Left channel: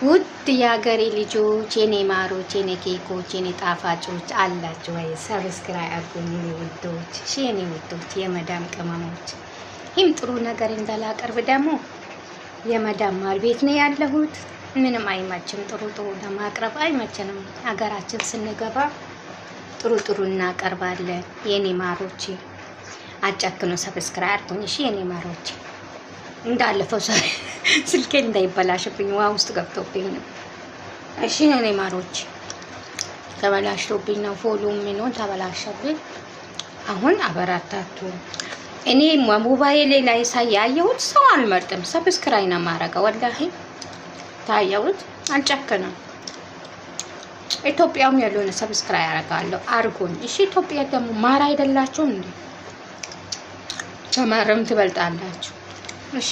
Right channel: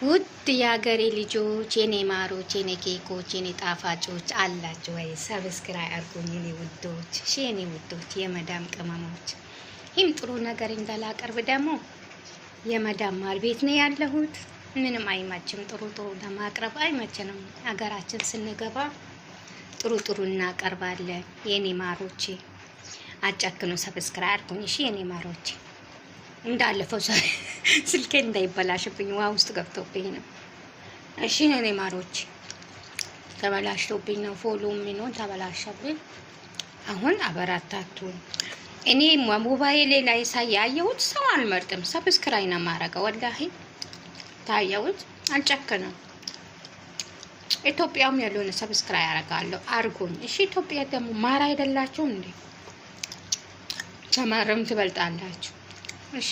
ውድ የሀገሬ ልጆች የኔ ማሮች የኔ ኬኮች የኔ ጣፋጮች አላችሁ ወይ? ሰብስክራይብ አድርጉኝ የኔ ውዶች፣ የኔ ውዶች የመዳም ቅመሞች። ይህም ጥሩ ነገር እንዳላቀርብ ደግሞ የመዳም ማር ቤት ነው ያለሁት። ምንም አይመችም፣ ጥሩ ለማቅረብ አይመችንም። ሀገራችን ስንገባ ጥሩ እናቀርባለን። የኔ ማሮች አጨክኑ፣ ሰብስክራይብ አድርጉኝ የኔ ማሮች። እንዳለፈው ስልኬ እንዳይበላሽብኝ ውሃ ውስጥ ገብቶብኝ ነው። እሺ የኔ ማሮች ተበላሽቶብኝ ነው። ፎሎ ምን ተበላሽብኝ። አሁን አበራታቱ። እኔ ሞባይሌ ላይ ሳያየሁት ሰው አልመርጥም፣ ሰብስክራይብ ነው ማረጋው። ወላሂ ታየሁት አልጨክንም። ኢትዮጵያም ያለውን ሰብስክራይብ አረጋለሁ። አርጉኝ እሺ። ኢትዮጵያ ደግሞ ማር አይደላችሁም እንዴ? ከማርም ትበልጣላችሁ። እሺ